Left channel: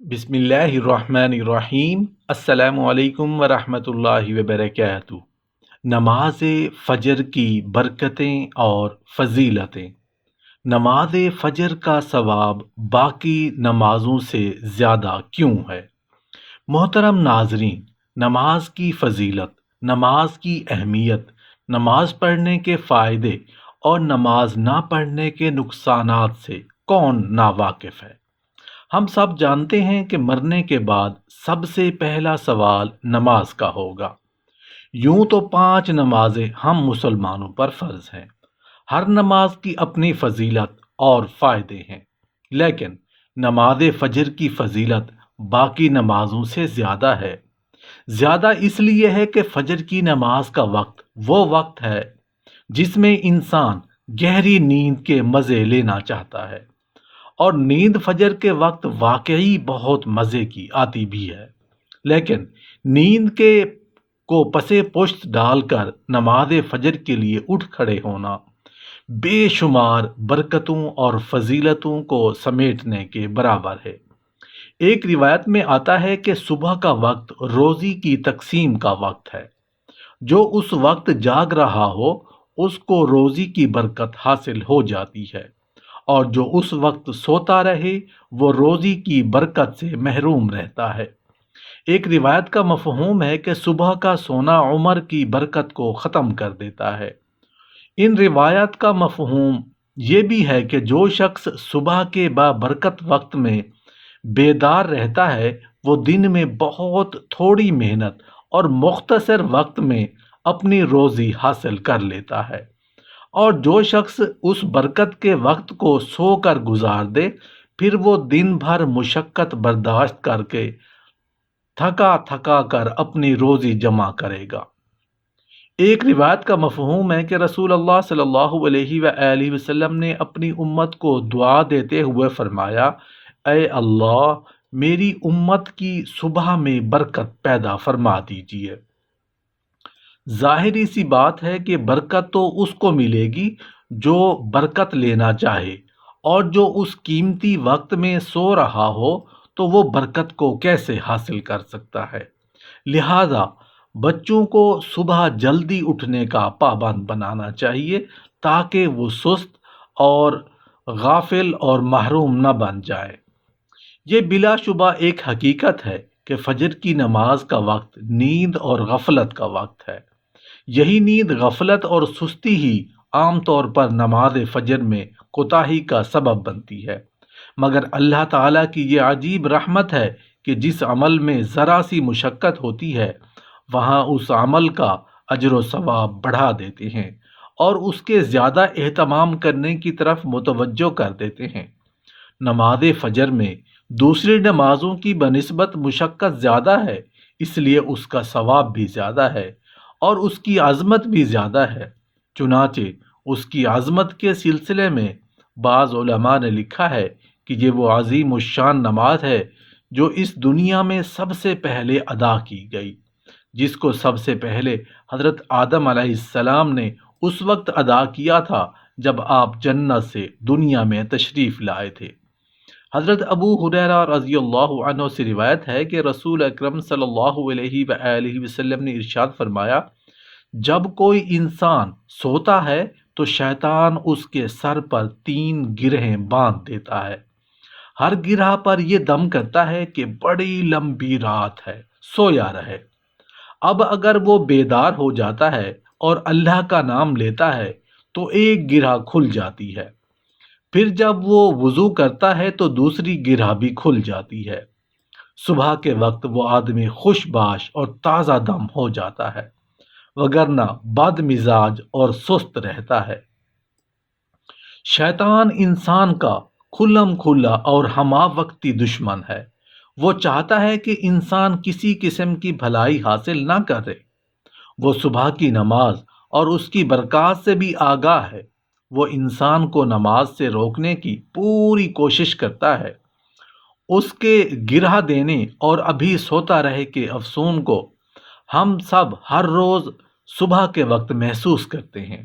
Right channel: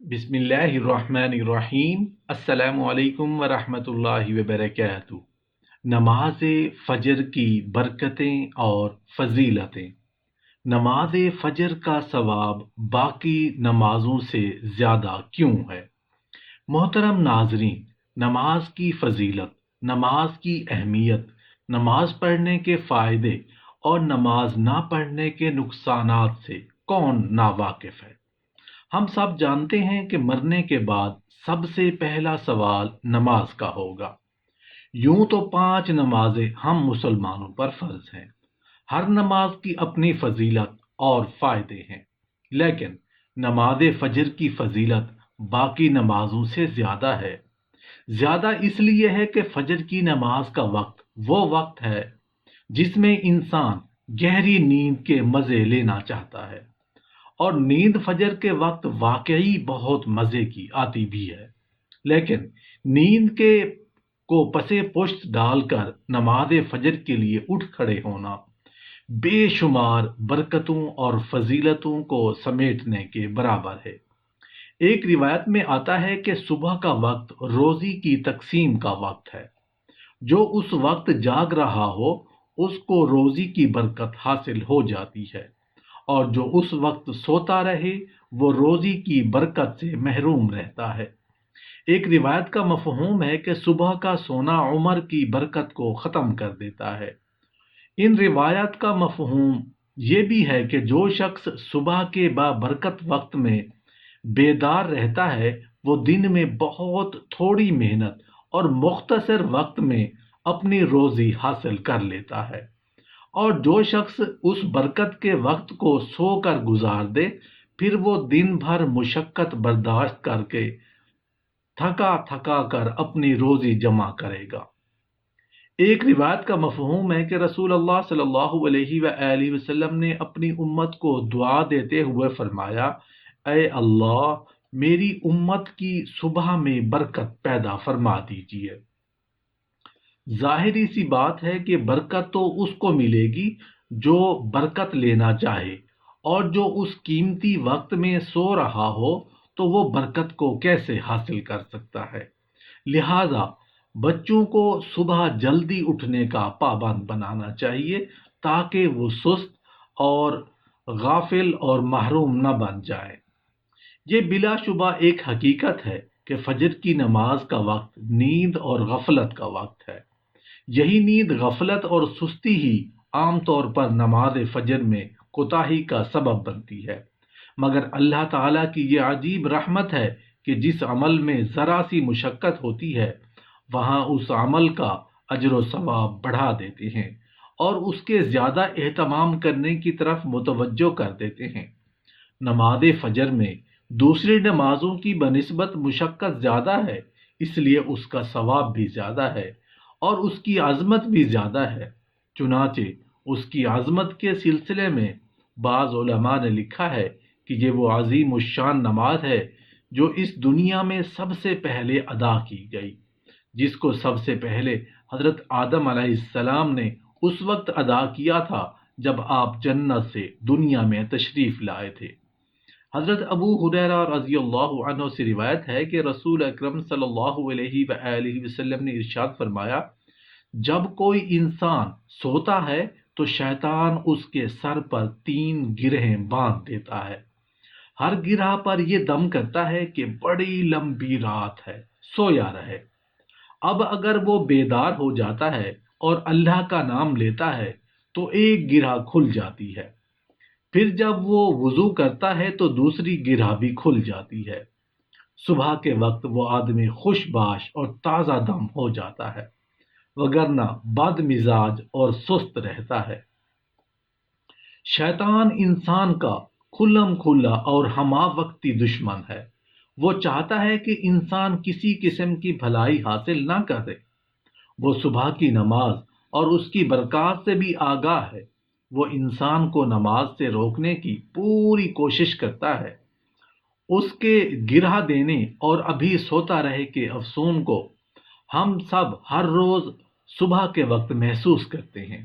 بسم اللہ الرحمن الرحیم۔ السلام علیکم ورحمۃ اللہ وبرکاتہ۔ نماز فجر کی برکتیں اور فضیلتیں۔ نماز فجر کا ثواب باقی نمازوں سے زیادہ کیوں ہے؟ محترم ناظرین، نماز کی فضیلت، نماز کی اہمیت، نماز پڑھنے کے فائدے اور نماز نہ پڑھنے کے نقصانات سے کون ناواقف ہے؟ ہم سب جانتے ہیں کہ مرنے کے بعد سب سے پہلا سوال نماز کا ہوگا۔ یوں تو 5 نمازیں ہم مسلمانوں پر فرض ہیں۔ ہر نماز کی اپنی فضیلت اور فائدے ہیں، لیکن نماز فجر کی فضیلت باقی نمازوں سے زیادہ ہے۔ زیادہ اس لیے ہے کہ فجر کی نماز کا وقت وہ وقت ہے جس میں انسان گہری نیند کے مزے لینا چاہتا ہے، اور نیند فجر کے وقت واقعی بہت مزے کی آتی بھی ہے۔ لیکن نیند کے کو پسے پشت ڈال کر نماز فجر کے لیے اٹھ کھڑے ہونا بے شمار برکتوں اور فضیلتوں کو سمیٹنے کے برابر ہے۔ ایک روایت میں آتا ہے کہ صبح کا وقت روزی کی تقسیم کا وقت ہے۔ جو اس وقت جاگ رہا ہو اس کو روزی کی برکت حاصل ہو جاتی ہے، اور جو اس وقت سوتا رہے وہ روزی کی برکت سے محروم رہتا ہے۔ ایک روایت کا مفہوم ہے کہ صبح کا سونا عمر کی برکت کو ختم کر دیتا ہے۔ ان روایت کا مفہوم یہ بھی ہے کہ جو شخص صبح کے بابرکت وقت میں بیدار رہتا ہے وہ دن میں بہت تھوڑی محنت اور مختصر وقت میں اپنی روزی حاصل کر لیتا ہے، اور جو شخص اس برکت کے وقت کو سو کر گزار دے پھر وہ دن بھر مشقت برداشت کر کے تھکا تھکا کر اپنی روزی جمع کرے گا۔ ایک روایت کا مفہوم ہے کہ رسول اللہ صلی اللہ علیہ وآلہ وسلم نے اپنی امت کو دعا دیتے ہوئے فرمایا، اے اللہ میری امت کی صبح میں برکت پیدا فرما دیجیے۔ ظاہری سی بات ہے کہ برکت تو اس کو ملے گی جو برکت لینا چاہے، اور جو اس قیمتی وقت میں سو رہا ہو تو وہ برکت کو کیسے حاصل کر سکتا ہے؟ لہذا بچوں کو صبح جلدی اٹھنے کا پابند بنانا چاہیے تاکہ وہ سست اور غافل اور محروم نہ بن جائے۔ یہ بلا شبہ ایک حقیقت ہے کہ فجر کی نماز کا وقت نیند اور غفلت کا وقت ہے۔ یہی نیند، غفلت اور سستی ہی عام طور پر نماز فجر میں کوتاہی کا سبب بنتی ہے، مگر اللہ تعالیٰ کی یہ عجیب رحمت ہے کہ جس عمل میں ذرا سی مشقت ہوتی ہے وہاں اس عمل کا اجر و ثواب بڑھا دیتے ہیں اور اس کے زیادہ اہتمام کرنے کی طرف متوجہ کر دیتے ہیں۔ نماز فجر میں دوسری نمازوں کی بنسبت مشقت زیادہ ہے، اس لیے اس کا ثواب بھی زیادہ ہے اور اس کی عظمت بھی زیادہ ہے۔ چنانچہ اس کی عظمت کے سلسلے میں بعض علماء نے لکھا ہے کہ یہ وہ عظیم الشان نماز ہے جو اس دنیا میں سب سے پہلے ادا کی گئی، جس کو سب سے پہلے حضرت آدم علیہ السلام نے اس وقت ادا کیا تھا جب آپ جنت سے دنیا میں تشریف لائے تھے۔ حضرت ابو ہریرہ رضی اللہ عنہ سے روایت ہے کہ رسول اکرم صلی اللہ علیہ وآلہ وسلم نے ارشاد فرمایا، جب کوئی انسان سوتا ہے تو شیطان اس کے سر پر 3 گرہیں باندھ دیتا ہے۔ ہر گرہ پر یہ دم کرتا ہے کہ بڑی لمبی رات ہے، سویا رہے۔ اب اگر وہ بیدار ہو جاتا ہے اور اللہ کا نام لیتا ہے تو ایک گرہ کھل جاتی ہے، پھر جب وہ وضو کرتا ہے تو دوسری گرہ بھی کھل جاتی ہے۔ صبح کے وقت وہ آدمی خوش باش اور تازہ دم ہو جاتا ہے، وگرنہ بد مزاج اور سست رہتا ہے۔ شیطان انسان کا کھلم کھلا اور ہمہ وقتی دشمن ہے۔ وہ چاہتا ہے کہ انسان کسی قسم کی بھلائی حاصل نہ کرے۔ وہ صبح کی نماز اور اس کی برکات سے بھی آگاہ ہے۔ وہ انسان کو نماز سے روکنے کی پوری کوشش کرتا ہے۔ اس کے گرہ دینے اور ابھی سوتا رہے کے افسون کو ہم سب ہر روز صبح کے وقت محسوس کرتے ہیں،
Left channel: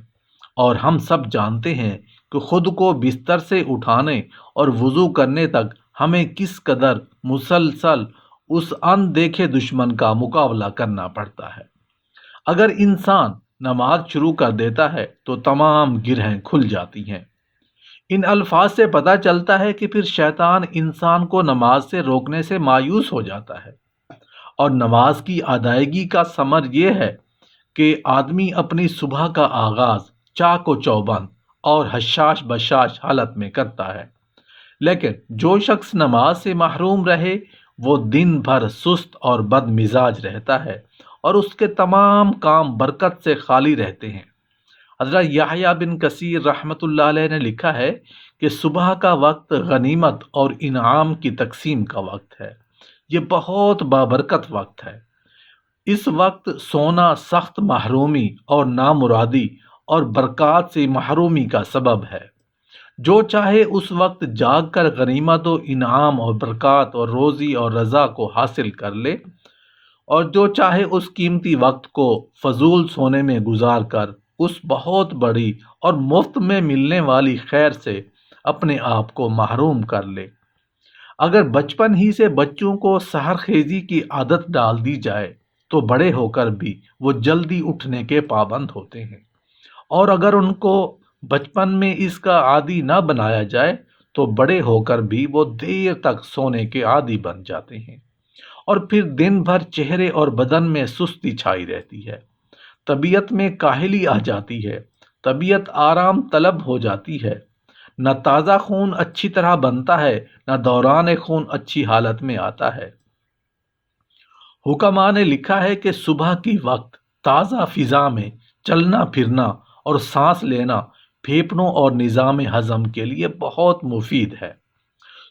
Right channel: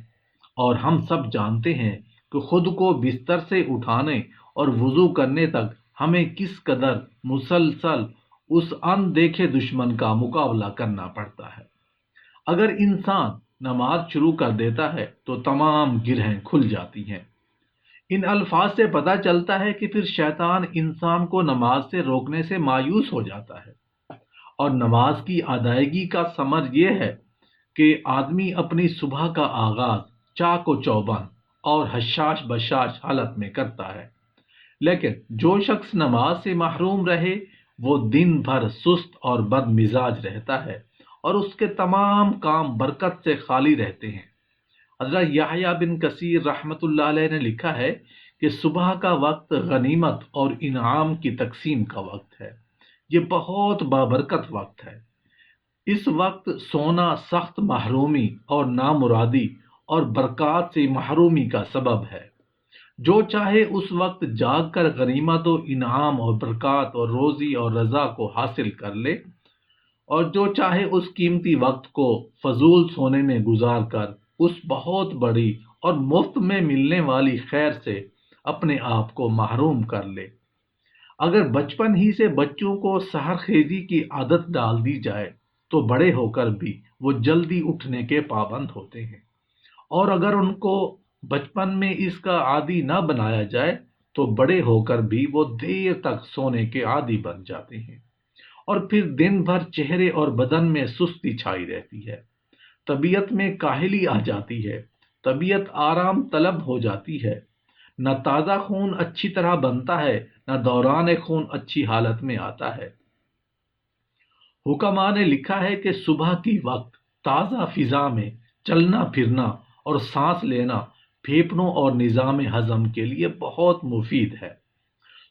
اور ہم سب جانتے ہیں کہ خود کو بستر سے اٹھانے اور وضو کرنے تک ہمیں کس قدر مسلسل اس اندیکھے دشمن کا مقابلہ کرنا پڑتا ہے۔ اگر انسان نماز شروع کر دیتا ہے تو تمام گرہیں کھل جاتی ہیں۔ ان الفاظ سے پتہ چلتا ہے کہ پھر شیطان انسان کو نماز سے روکنے سے مایوس ہو جاتا ہے، اور نماز کی ادائیگی کا ثمر یہ ہے کہ آدمی اپنی صبح کا آغاز چاق و چوبند اور حشاش بشاش حالت میں کرتا ہے۔ لیکن جو شخص نماز سے محروم رہے وہ دن بھر سست اور بد مزاج رہتا ہے، اور اس کے تمام کام برکت سے خالی رہتے ہیں۔ حضرت یحییٰ بن کثیر رحمۃ اللہ علیہ نے لکھا ہے کہ صبح کا وقت غنیمت اور انعام کی تقسیم کا وقت ہے۔ یہ بہت بابرکت وقت ہے۔ اس وقت سونا سخت محرومی اور نامرادی اور برکات سے محرومی کا سبب ہے۔ جو چاہے اس وقت جاگ کر غنیمت و انعام اور برکات اور روزی اور رضا کو حاصل کر لے، اور جو چاہے اس قیمتی وقت کو فضول سونے میں گزار کر اس بہت بڑی اور مفت میں ملنے والی خیر سے اپنے آپ کو محروم کر لے۔ اگر بچپن ہی سے بچوں کو سحر خیزی کی عادت ڈال دی جائے تو بڑے ہو کر بھی وہ جلدی اٹھنے کے پابند ہوتے ہیں، اور اگر ان کو بچپن میں اس کا عادی نہ بنایا جائے تو بڑے ہو کر بھی وہ دیر تک سونے کے عادی بن جاتے ہیں، اور پھر دن بھر چہرے اور بدن میں سستی چھائی رہتی ہے، طبیعت میں کاہلی آ جاتی ہے، طبیعت آرام طلب ہو جاتی ہے، نہ تازہ خون اچھی طرح بنتا ہے، نہ دوران خون اچھی حالت میں آتا ہے۔ حکماء نے لکھا ہے کہ صبح کی وقت تازہ فضا میں چلنا پھرنا اور سانس لینا پھیپھڑوں اور نظام ہضم کے لیے بہت مفید ہے۔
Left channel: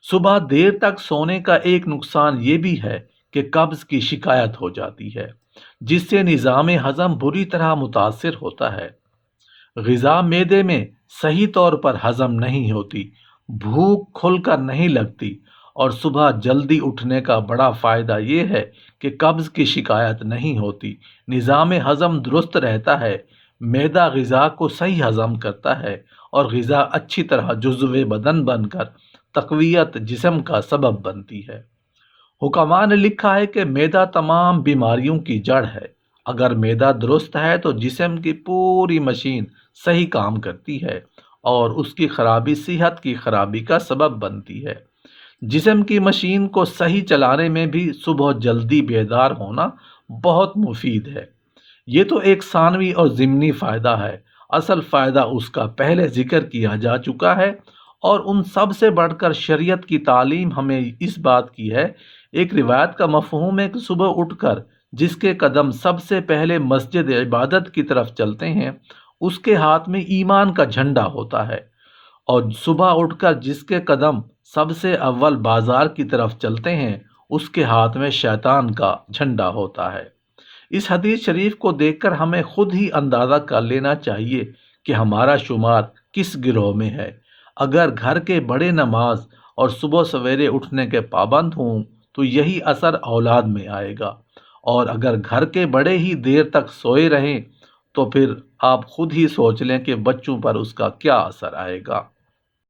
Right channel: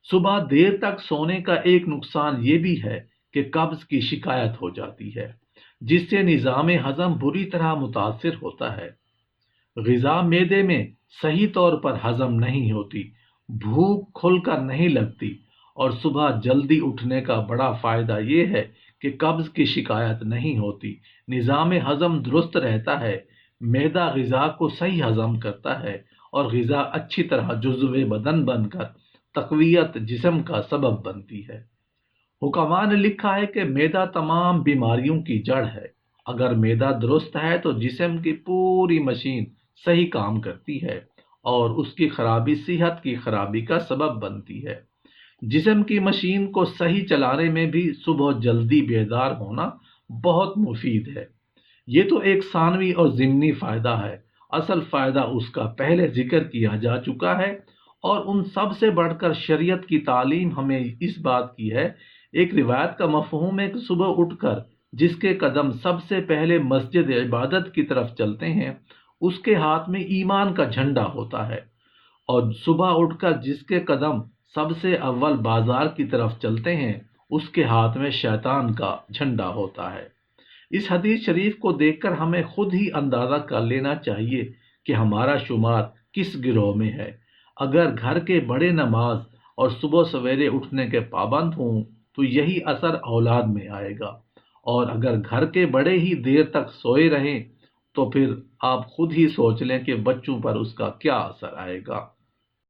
صبح دیر تک سونے کا ایک نقصان یہ بھی ہے کہ قبض کی شکایت ہو جاتی ہے، جس سے نظام ہضم بری طرح متاثر ہوتا ہے۔ غذا معدے میں صحیح طور پر ہضم نہیں ہوتی، بھوک کھل کر نہیں لگتی، اور صبح جلدی اٹھنے کا بڑا فائدہ یہ ہے کہ قبض کی شکایت نہیں ہوتی، نظام ہضم درست رہتا ہے، معدہ غذا کو صحیح ہضم کرتا ہے، اور غذا اچھی طرح جزو بدن بن کر تقویت جسم کا سبب بنتی ہے۔ حکماء نے لکھا ہے کہ معدہ تمام بیماریوں کی جڑ ہے۔ اگر معدہ درست ہے تو جسم کی پوری مشین صحیح کام کرتی ہے، اور اس کی خرابی صحت کی خرابی کا سبب بنتی ہے۔ جسم کی مشین کو صحیح چلانے میں بھی صبح جلدی بیدار ہونا بہت مفید ہے۔ یہ تو ایک ثانوی اور ضمنی فائدہ ہے، اصل فائدہ اس کا پہلے ذکر کیا جا چکا ہے، اور ان سب سے بڑھ کر شریعت کی تعلیم ہمیں اس بات کی ہے۔ ایک روایت کا مفہوم ہے کہ صبح اٹھ کر جس کے قدم سب سے پہلے مسجد عبادت کی طرف چلتے ہیں اس کے ہاتھ میں ایمان کا جھنڈا ہوتا ہے، اور صبح اٹھ کر جس کے قدم سب سے اول بازار کی طرف چلتے ہیں اس کے ہاتھ میں شیطان کا جھنڈا ہوتا ہے۔ اس حدیث شریف کو دیکھ کر ہمیں خود ہی اندازہ کر لینا چاہیے کہ ہمارا شمار کس گروہ میں ہے۔ اگر گھر کے بڑے نماز اور صبح سویرے اٹھنے کے پابند ہوں تو یہی اثر اولاد میں آئے گا، اور اگر گھر کے بڑے ہی دیر تک سوئے رہیں تو پھر آپ خود ہی سوچ لیں کہ بچوں پر اس کا کیا اثر آئے گا۔